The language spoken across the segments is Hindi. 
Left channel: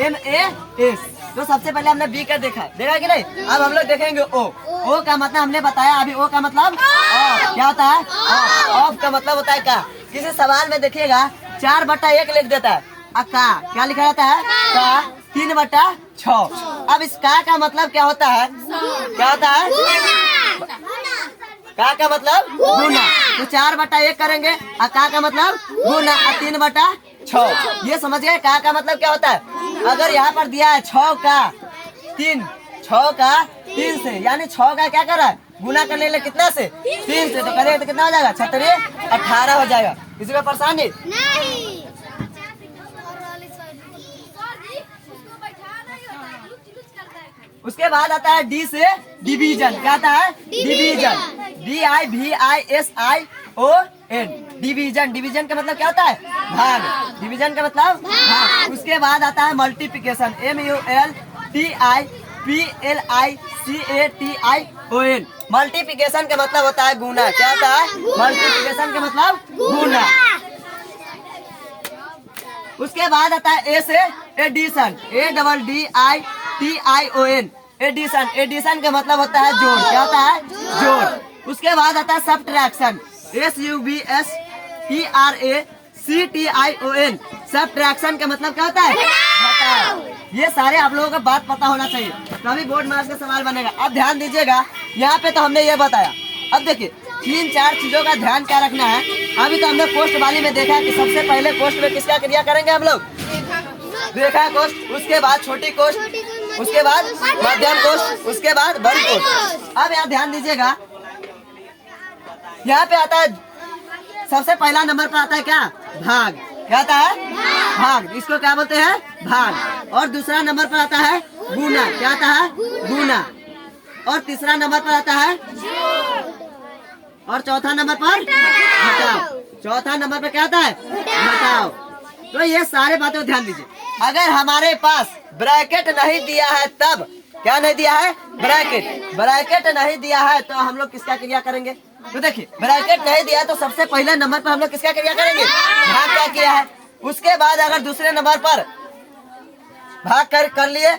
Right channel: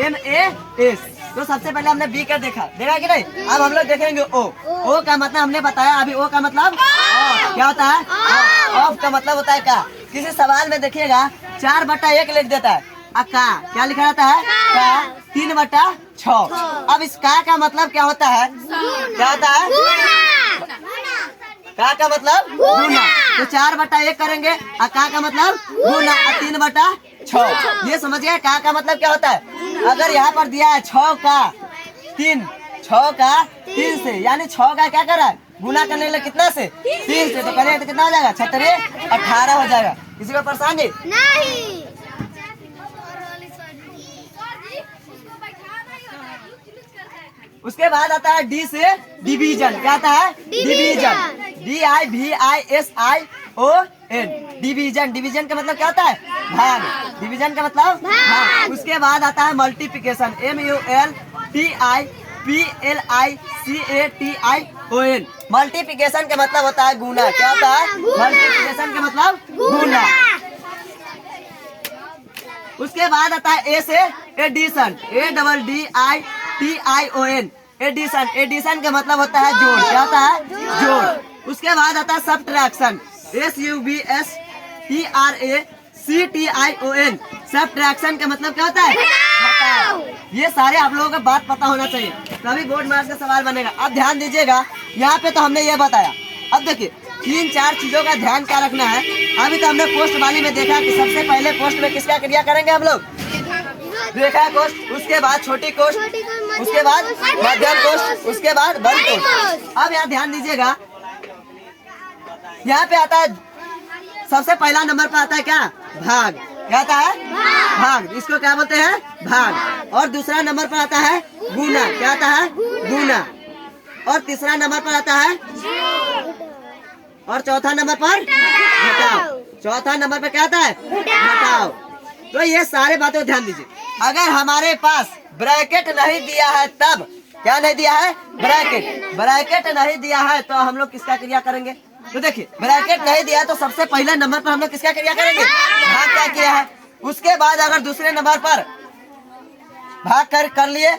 MAS। तो सबसे पहले हमने बी का देखा कि नहीं। अब हम लोग देखेंगे ओ का मतलब हमने बताया अभी। ओ का मतलब क्या होता है? ऑफ का मतलब होता है का। किसी सवाल में देखिएगा 4/1 लिख देता है। का क्या लिखा रहता है? का 3/6। अब इस का मतलब क्या होता है? क्या होता है? का मतलब गुना। तो 4/1 करेंगे और का मतलब गुना और 3/6। ये समझ गए का मतलब क्या होता है? अगर यहाँ पर दिया है 6 का 3 से, यानी 6 का क्या कर रहा है? गुना करने के लिए कितना से? 3 से। तो करेंगे तो कितना हो जाएगा? 36 18 हो जाएगा। किसी को परेशानी नहीं। उसके बाद आता है डी से डिवीजन। क्या आता है? डिवीजन। DIVISION। डिवीजन। डिवीजन का मतलब क्या होता है? भाग। डिवीजन का मतलब भाग। उसके बाद आता है मल्टीप्लिकेशन। MULTIPLICATION। मल्टीप्लिकेशन का मतलब होता है गुना। क्या होता है? मल्टीप्लिकेशन का मतलब गुना। उसके बाद आता है ए से एडिशन। ADDITION। एडिशन। एडिशन का मतलब होता है जोड़। क्या होता है? जोड़। उसके बाद आता है सब्ट्रैक्शन। SUBSTRACTION। सब्ट्रैक्शन का मतलब क्या होता है? घटाव। ये सारे आप लोगों को बात पता होना चाहिए, कभी बोर्ड मार्क्स का सवाल बनेगा। अब ध्यान दीजिएगा, यहाँ पे तो हमने ये बताया। अब देखिए 3-4 चीजों का ध्यान क्या रखना है। अभी तो हमने कोष्ठ वाली में देखा कि सबसे पहले कोष्ठ में किसका क्रिया करेंगे हम लोग? रेखा कोष्ठ, उसके बाद छोटी कोष्ठ, उसके बाद मध्यम कोष्ठ, उसके बाद बड़ी कोष्ठ। अब यहाँ ध्यान दीजिएगा, यहाँ पे आता है सबसे पहला नंबर पर आता है क्या? भाग। क्या आता है? भाग। इसको क्या बोलते हैं? भाग। और दूसरा नंबर पर आता है गुना। क्या आता है? गुना। और तीसरा नंबर पर आता है और चौथा नंबर पर घटाव। चौथा नंबर पर क्या आता है? घटाव। तो ये सारे बातों को ध्यान दीजिए। अगर हमारे पास ब्रैकेट नहीं दिया है तब क्या नहीं दिया है? ब्रैकेट। ब्रैकेट नहीं दिया है तो हम लोग किसका क्रिया करेंगे? तो देखिए ब्रैकेट नहीं दिया तो सबसे पहले नंबर पर हम लोग किसका क्रिया करेंगे? भाग क्या किया है। उसके बाद अगर दूसरे नंबर पर भाग कर लिए,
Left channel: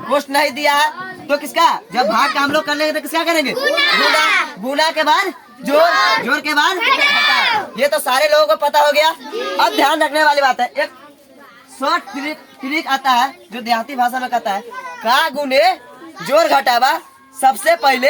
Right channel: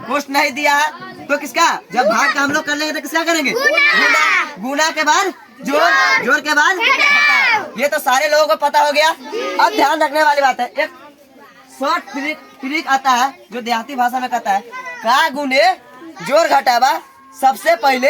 कोष्ठ नहीं दिया है तो किसका? जब भाग का हम लोग कर लेंगे तो किसका करेंगे? गुना। गुना के बाद जोड़, जोड़ के बाद घटाव। ये तो सारे लोगों को पता हो गया। अब ध्यान रखने वाली बात है, एक शॉर्ट ट्रिक आता है जो देहाती भाषा में कहता है का गुने जोड़ घटावा सबसे पहले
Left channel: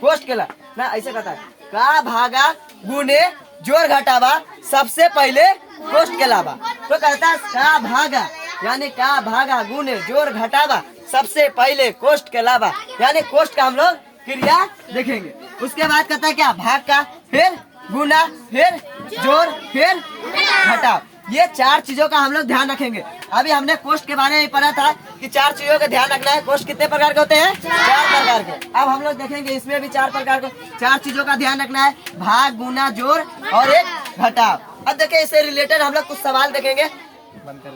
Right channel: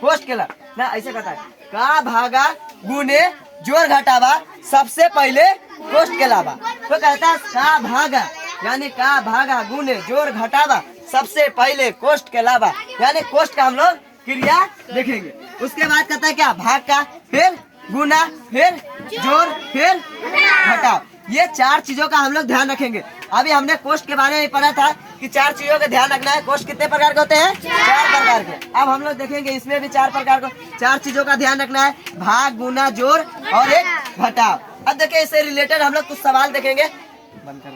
कोष्ठ के ला ना, ऐसे कहता है का भागा गुने जोड़ घटावा सबसे पहले कोष्ठ के लावा। तो कहता है का भागा, यानी का भागा गुने जोड़ घटावा सबसे पहले कोष्ठ के लावा, यानी कोष्ठ का हम लोग क्रिया देखेंगे। उसके बाद कहता है क्या? भाग का, फिर गुना, फिर जोड़, फिर घटाव। ये 4 चीजों का हम लोग ध्यान रखेंगे। अभी हमने कोष्ठ के बारे में पढ़ा था कि 4 चीजों का ध्यान रखना है। कोष्ठ कितने प्रकार के होते हैं? 4 प्रकार के। अब हम लोग देखेंगे इसमें भी 4 प्रकार को 4 चीजों का ध्यान रखना है, भाग, गुना, जोड़ और एक घटाव। अब देखिए इससे रिलेटेड हम लोग कुछ सवाल देखेंगे। बंद कर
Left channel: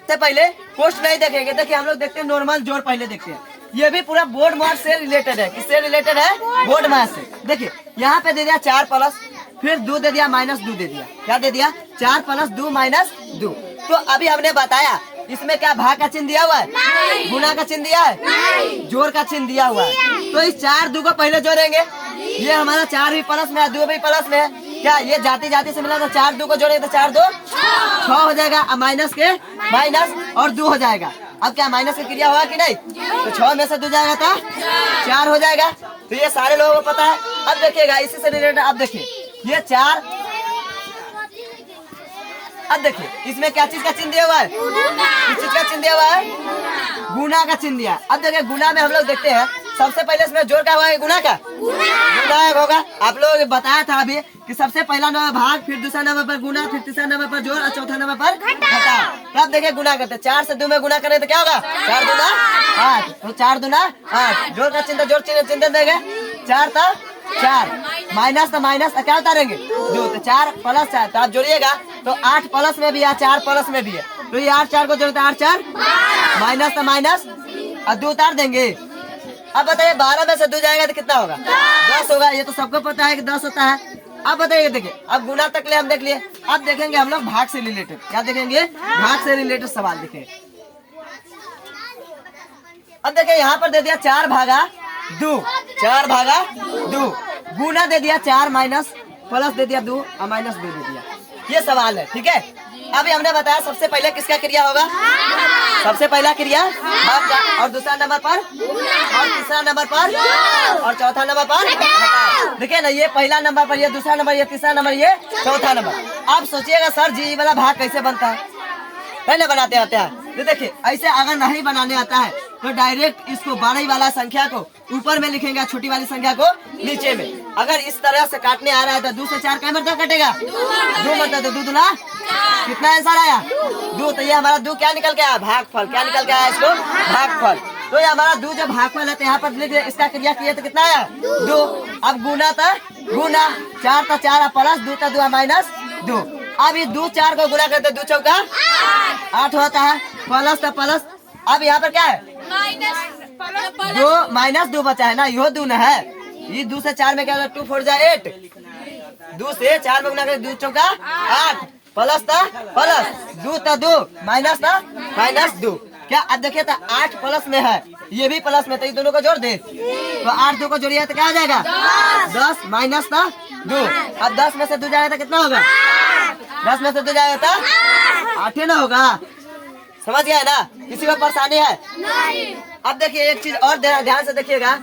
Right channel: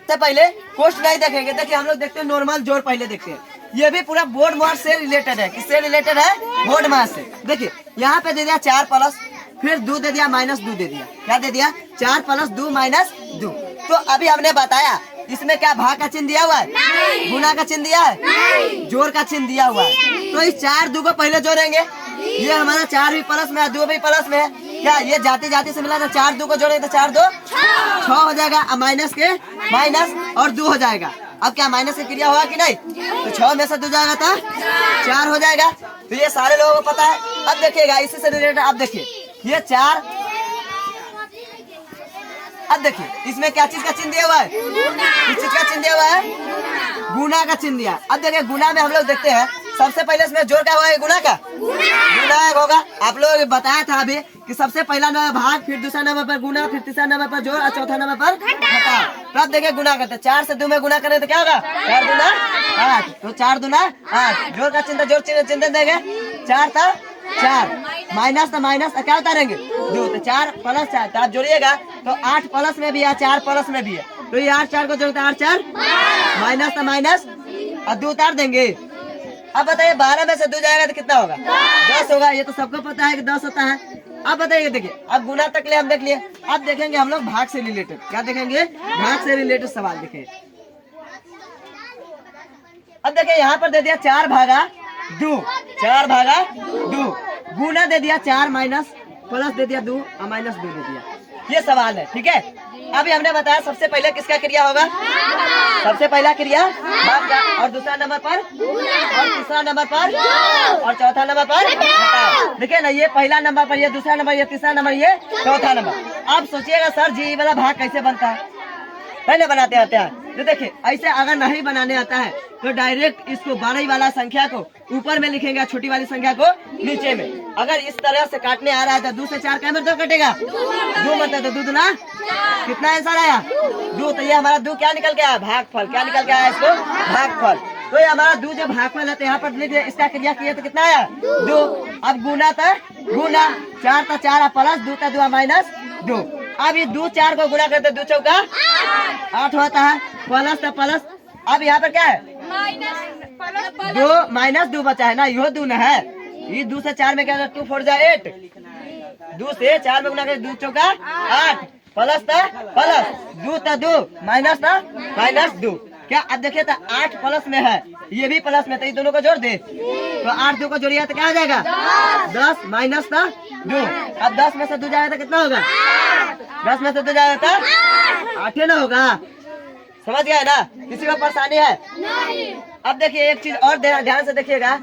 सबसे पहले कोष्ठ नहीं देखेंगे। देखिए हम लोग देखते हैं नॉर्मल जोड़ पहले देखते हैं। ये भी पूरा बोर्ड मार्क्स से रिलेटेड है। किससे रिलेटेड है? बोर्ड मार्क्स से। देखिए यहाँ पे दे दिया 4 प्लस, फिर 2 दे दिया, -2 दे दिया। क्या दे दिया? 4 + 2 - 2। तो अभी हमने बताया इसमें क्या भाग का चिन्ह दिया हुआ है? गुना का चिन्ह दिया है? जोड़ का चिन्ह दिया हुआ है। तो इस 4 2 को पहले जोड़ेंगे। ये हमारा 4 भी प्लस में है, 2 भी प्लस में है। क्या ये जाति जाति से मिला? तो 4 2 को जोड़ेंगे तो 4 2 6 हो जाएगा। अब माइनस के माइनस और 2 हो जाएगा। अब क्या माइनस की क्रिया होगा कि नहीं? तो 6 में से 2 जाएगा तो 4 हो जाएगा। तो ये सारे लोगों को पता है। अब देखिएगा इसी से रिलेटेड, अब देखिए ये 4। अब देखिए इसमें क्या चीज का चिन्ह दिया हुआ है? किस चीज का चिन्ह दिया हुआ है? गुना का चिन्ह दिया। अब देखिए गुना में हम लोग देखते हैं सबसे पहले इसमें जोड़ का हुआ है, गुना का गुना होगा। आप लोग बताया था अभी कि सबसे पहला नंबर भाग, फिर दूसरा नंबर पर गुना, फिर तीसरा नंबर पर जोड़ और चौथा नंबर पर घटाव। तब देखिए गुना करते 4 से 2 में गुना करें तो क्या होगा? 4 दूना 8। तो 4 दूना 8। जोड़ का चिन्ह, जोड़ चिन्ह देंगे 4 तो 4, माइनस तो माइनस क्या उतारेंगे? 2। तो 4 + 4 तो आप जोड़िएगा तो 8 प्लस में भी है, 4 प्लस में भी है। तो ये 8 4 को जोड़ते 8 4, माइनस तो माइनस और 2 उतार देंगे। अब बताइए 12 में से 2 जाएगा तो कितना होगा? 10 होगा। ये तो सबको पता है कि 10 होता है। अब बताइए, देखिए अब गुना तक ले हम देख लिए, अब देखेंगे हम लोग भाग से रिलेटेड। क्या देखेंगे? भाग से रिलेटेड सवाल देखेंगे। अब देखिए यहाँ पर दे दिया 4 भागा 2, 4 भागा 2, गुना दे दिया 4 माइनस प्लस दे दिया 2 और माइनस 2 दे दिया। ये सवाल है, ठीक है। अभी हमने बताया सबसे पहले किसका क्रिया होगा? सबसे पहला क्रिया भाग का, और दूसरा नंबर पर, और तीसरा नंबर पर, और चौथा नंबर पर घटाव। देखिए ना, ये पहला नंबर पर, ये दूसरा नंबर, ये तीसरा नंबर, ये चौथा नंबर। आप सोचिएगा सर जी ये वाला भाग कैसे बनता है ना बनाते आते हैं। तो देखिए ऐसे अगर नहीं बनाने आता है तो डायरेक्ट इसको बड़ी वाला संख्या को ऊपर में लिखेंगे, छोटी वाली संख्या को नीचे में। अगर इस तरह से काटने आ रहा है तो 2 से 4 क्या मतलब कटेगा? 2 मतलब तो 2 दूना कितना आंसर आया? 2। तो ये हमारा 2 क्या निकल के आया? भागफल। क्या निकल के आया इसको? भागफल। तो ये हमारा 2 जो भागफल है तो यहाँ पर लिख दिया, इसका क्रिया किया तो कितना आया? 2। अब गुना था गुना, 4 था 4 प्लस 2 था 2 माइनस 2। अब ये 2 4 को गुना करते 2 चौका 8 होता है, प्लस था प्लस। अब यहाँ पर क्या है? 2 माइनस 2 बचा है ना, यो 2 न है। ये 2 से 4 में क्या होता है? 2 4 जा 8, 2 से 4 में गुना करते 2 चौका 8, प्लस था प्लस 2 था 2 माइनस था माइनस 2। क्या अब देखिए तो 8 प्लस में है, ये भी प्लस में, तो ये दोनों को जोड़ दे तो 8 2 को जोड़िए तो क्या हो जाएगा? 10 माइनस था 2। अब 10 में से 2 जाएगा तो कितना होगा? 10 में से 2 जाएगा तो 8 ना होगा। समझ गया ना? किसी को परेशानी है? नहीं। अब देखिए एक चीज और ध्यान से देखिएगा।